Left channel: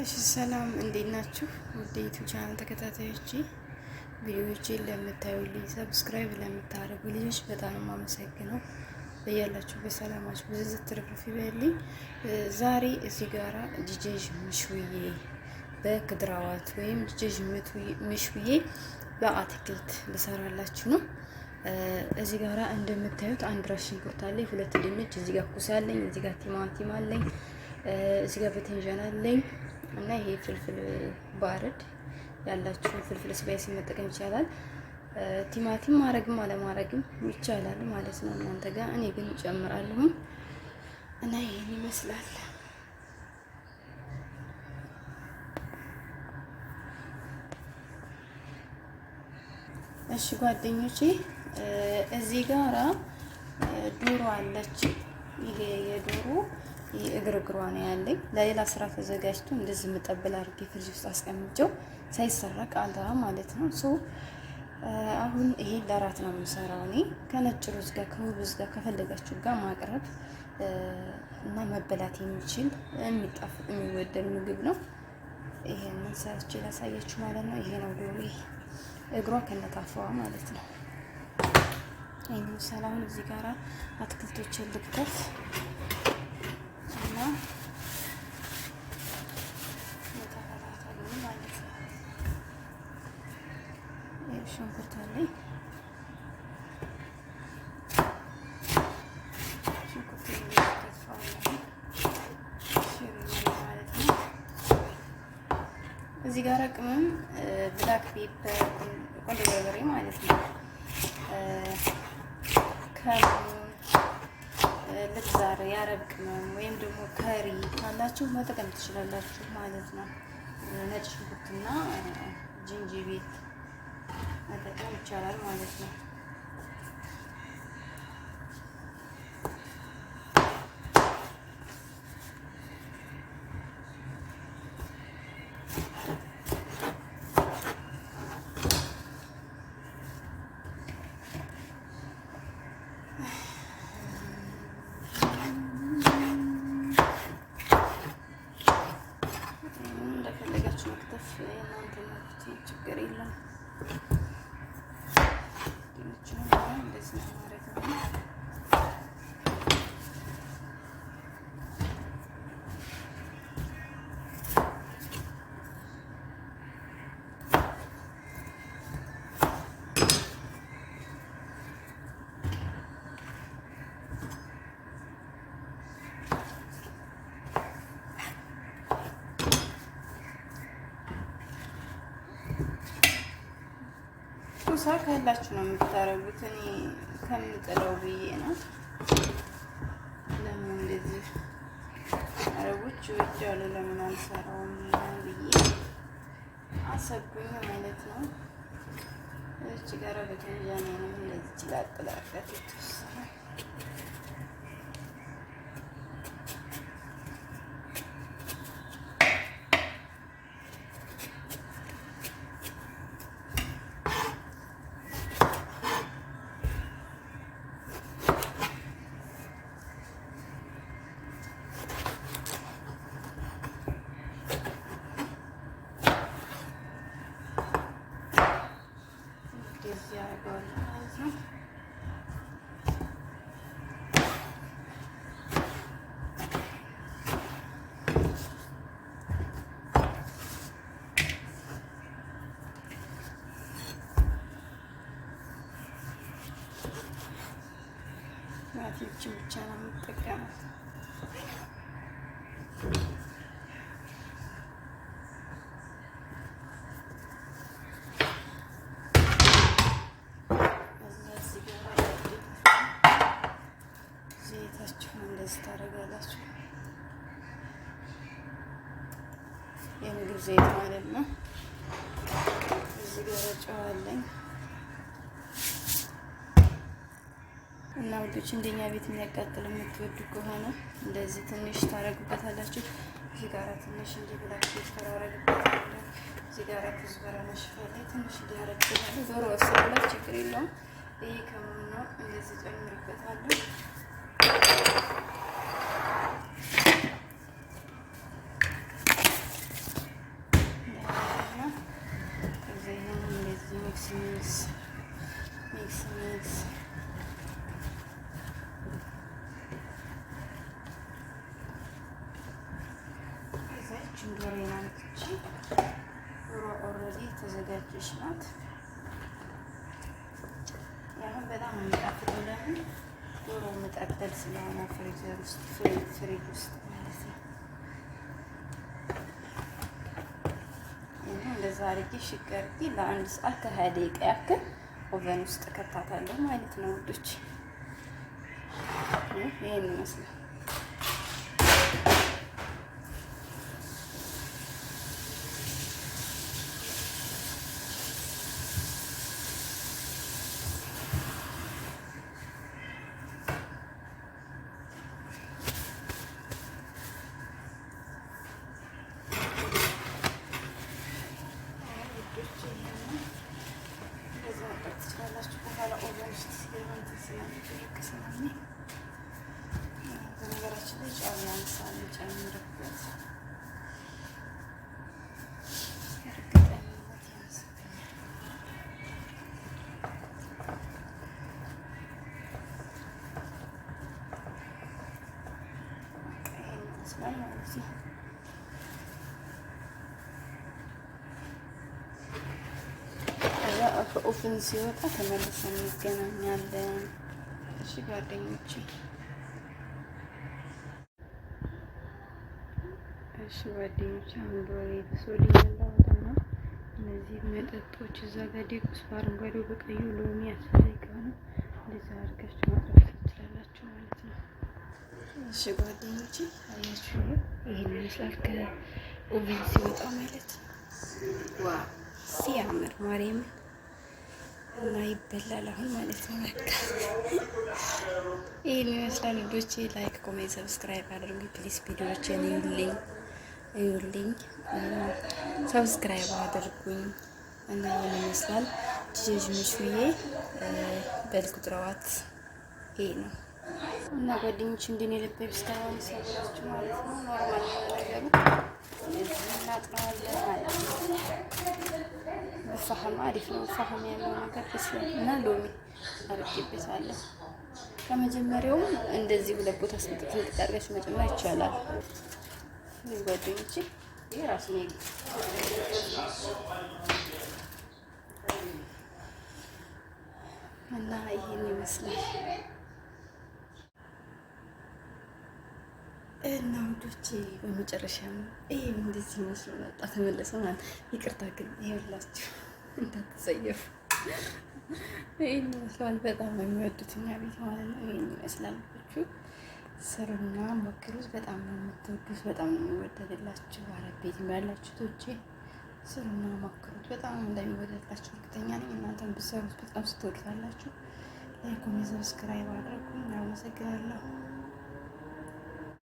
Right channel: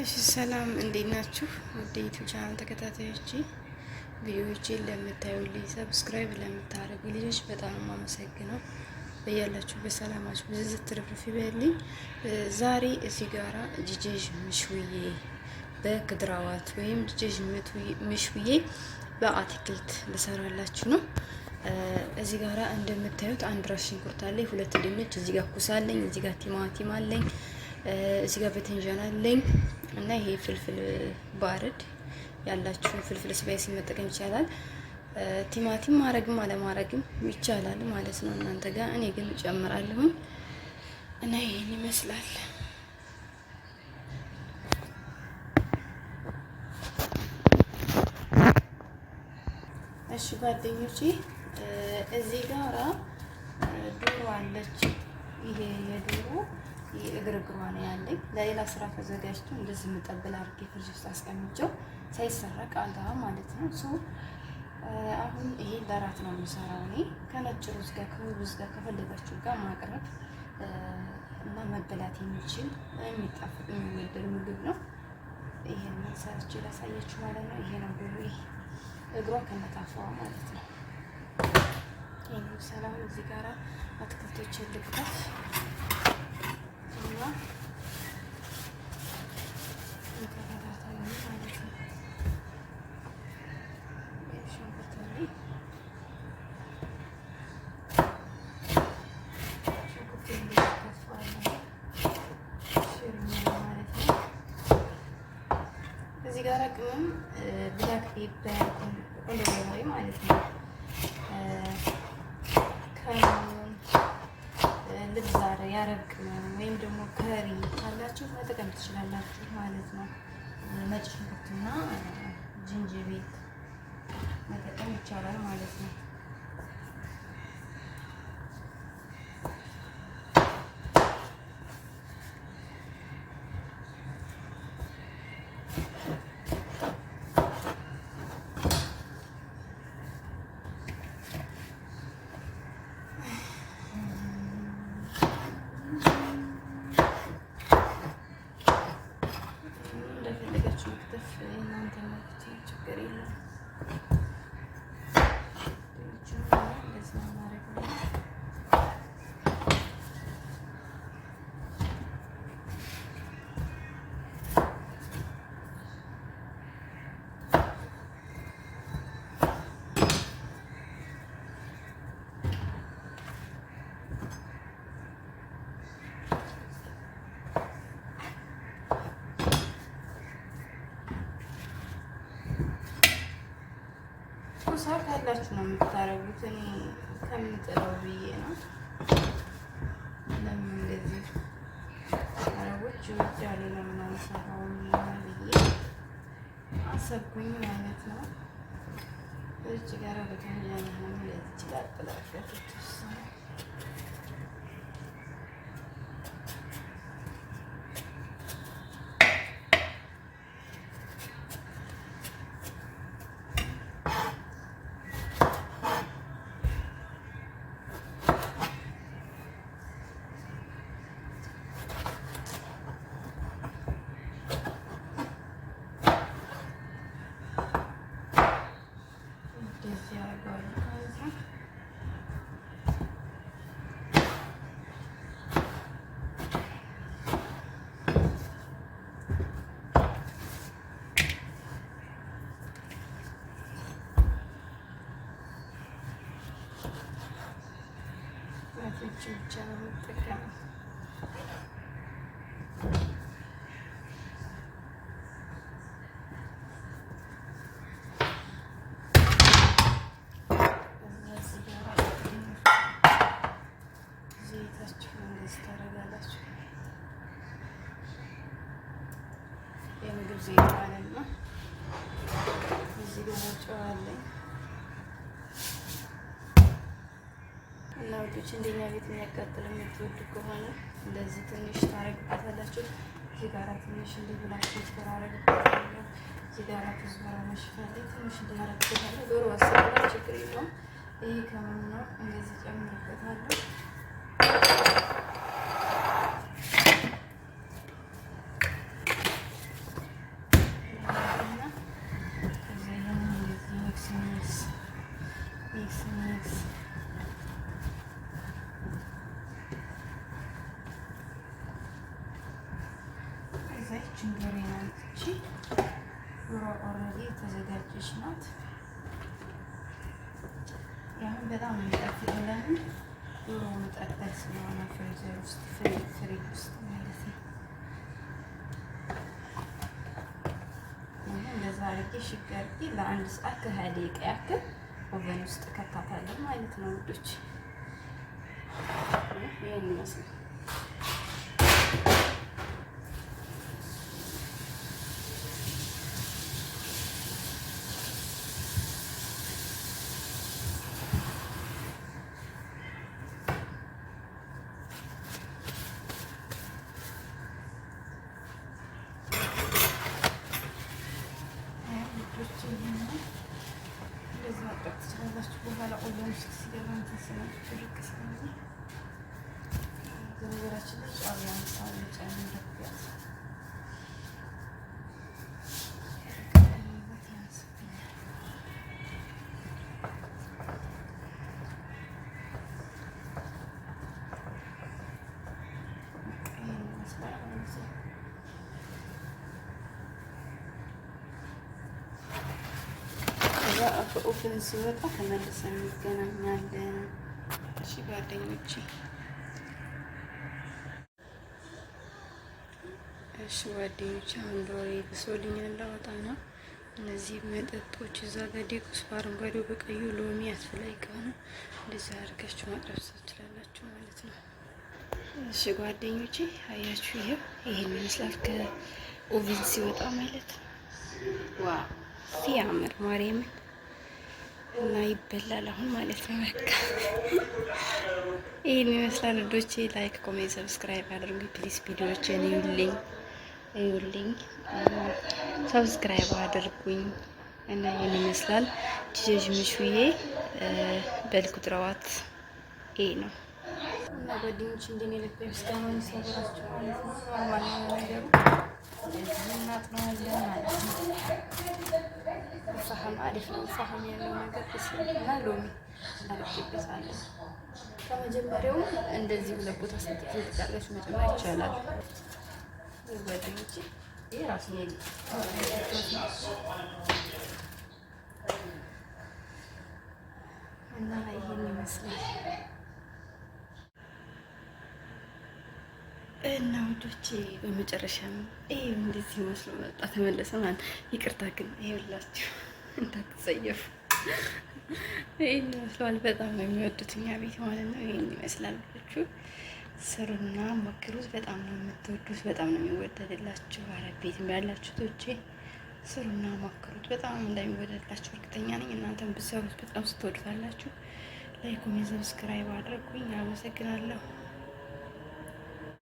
እሺ ሰላም እንዴት ናችሁ? ወደ ዩቲዩብ ቻናል ተከታታዮቼ ቪዲዮዎቼን ለምታዩልኝ ሰብስክራይብ ለምታደርጉ ልጆች በጣም የማመሰግነው። በያላችሁ በሰላማችሁ ብዝዝት ትርፍርፍ ይበልኝ። ዛሬ እዚህ ጋራ ጅጅጅ ምሽውዬ በክድራዋት ወይም ጅጅጅ ምሽውዬ በአትክልት ልሰራላችሁ ነው። እዚህ ጋራ እንደምታዩት አንድ ራስ ሽንኩርት አለኝ፣ ሁለት ድንች፣ እዚህ ጋር ኩስ አለኝ፣ እዚህ ጋር ቲማቲም አለኝ፣ እዚህ ጋር በትንጃን አለኝ እና ይሄ ፍልፍል ባርድ ያላችሁ ፍልፍል ስፓይሲ መጠቀም ይቻላል። ቲማቲም ማረግም አለማረግም ይቻላል ማለት ነው እናንተ ጋር። እኔ ግን ጨምራለሁኝ እና ይሄን ይመስላል። እሺ ጓደኞቼ እዚህ ጋራ ዶሮ አለች። ይሄ የዶሮ እግርግሯ ነው ያለኝ። ለሌላ ስራ ተዘጋጅቶ እንደዚህ መጠበል አድርጌ ፍሪጅ ውስጥ አስቀምጬው ሳይሰረቅ አልጋ ማለት ነው። አሁን ይሄ ለራት ነው የምሰራው እኔ ከነጭ ሩዝ ጋር ከሩዝ ጋር ከፈለጋችሁ ጋር ማቅረብ እና መበላት የሚችል የሚጣፍጥ የሚወደድ ምግብ ነው። ይሄንን ሰርቼ ላሳያችሁ ማለት ነው። ይሄ ነው ዶሮ እግሯ ከነታፋዋ ማለት ነው። ይሄን ሰላም እዚህ ጋራ አትክልቶችን ልክተፍ እና እዚህ ጋር ቅመም ብላክ ፔፐር ቆንጆ በርበሬ ማለት ነው። ከሙን ልብዛር የአረብ ቅመም ወይም ደግሞ ከሪ ያላችሁ መጠቀም ትችላላችሁ ማለት ነው። ነጭ ሽንኩርትና ዝንጅብል መጠቀም ይቻላል ማለት ነው። ችግር የለም። ሳት ያላችሁ ነው የምታረጉት። እኔ ከምጥለው ብዬ ነው። ለምን እንደዚህ አረቦች ወጃሉ ለምን አልሰራውም ብዬ አሰብኩኝ ማለት ነው። እዚህ ጋር በተንጃና ነው እንደዚህ ይችላል ብቻ ነው የምጠቀመው። ዘይታችሁን እንደዚህ ታደርጋላችሁ። የምግብ ዘይት ማለት ነው። እዚህ ጋር ጨው አለኝ እና ወዶች እንደኛ ቤት የሚያቃጥል የምትወዱ ከሆነ እንደዚህ ትንሽ ታረግበታላችሁ። እዚህ ጋራ ትንሽ እንዲህ ብላችሁ ተራረግበታላችሁ። እዚህ ጋራ ኩዝበራ መሽፈል ትንሽ እንዲያረግበታላችሁ። ዶሮ አሰራላ ችግር የለውም። ይሄ ከሆነ እንደዚህ ጨምርበታለሁ። ጓደኞችን ዶሮ ናት እቺ። ዶሮ ኦልሬዲ የተዘጋጀች ናት። ያው በጣም የሚጣፍጥልን ዶሮ መጠቅጠል ስለሆነ ፍሪዘር ውስጥ ፍሪጅ ውስጥ ማለት ነው። እንደዛ አድርጌ ሽግ አድርጌ ለአንድ ሰዓት ከ20 ደቂቃ ያክል ኦቨን ውስጥ ከታታለሁ ማለት ነው ውዶች። ይሄን ይመስላል። ከኦፍን ሲወጣ ተመልሰን እንገናኛለን። እሺ ጓደኞቼ፣ አሁን ዶሮዬ ብሶልኝ ላወጣ ነው። እነዚህ መጠጦች እዛ ጋር ዴኩስ በአረንጓዴው በቀዩ ሎሚ ያስፈላጊ ከሆነ እንደዛ አድርጋችሁ ማቅረብ ትችላላችሁ ማለት ነው። እሺ ጓደኞቼ፣ አያችሁ፣ ይሄን ይመስላል ከኦቭን ሲወጣ ማለት ነው። ዋው ሲያምር ማርያምን እና ይበላል አሁን ማለት ነው። በቃ ይሄን ይመስላል ልጆቼ። ላይክ፣ ኮሜንት፣ ሰብስክራይብ አድርጉ ፕሊስ። ቪዲዮዎችን እዩልኝ፣ ሰብስክራይብ አድርጉኝ እና ይሄን ይመስላል። ጂጂ ምሹዬ በልኩትራዋት ይሄ ነው እና ጓደኞች እንደኔ ልብ ስታውን ሲያደርጋችሁ ማለት ነው። ኖርማል ነገር ፋህም አሪፍ ነው። ፋህም ያለው ነገር እና ሎሚ አድርጌበታለሁ። ከመጀመሪያውም እንደዚህ ሁለት ቦታ ሰጥቼ እንድታርጋችሁ መጨመር ይቻላል። ጓደኞቼ ይሄ ራሱ እና ይሄን ይመስላል እና ውዶቼ በመጨረሻም ይሄ እንደዚህ መስሎ መጣ ተመለሰ ማለት። ይቅርታ ግን ይኸውላችሁ እንዳትጸየፉ። ይሄን ይመስላል። በጣም ነው የሚወዱት እኛ ቤት ማለት ነው። ይሄን ይመስላል። ስሩና ሞክሩት። በጣም ነው የምትወዱት፣ በጣም ነው የሚወደድላችሁ። አረብ ቤት ያላችሁ ቶቼ ስሩና ሞክሩት። በጣም እንደሚወደድላችሁ እርግጠኛ ነኝ። እናንተም ብትሰሩት በጣም ስትወዱታላችሁ። ላይክ፣ ኮሜንት፣ ሰብስክራይብ አድርጉኝ። አመሰግናለሁ።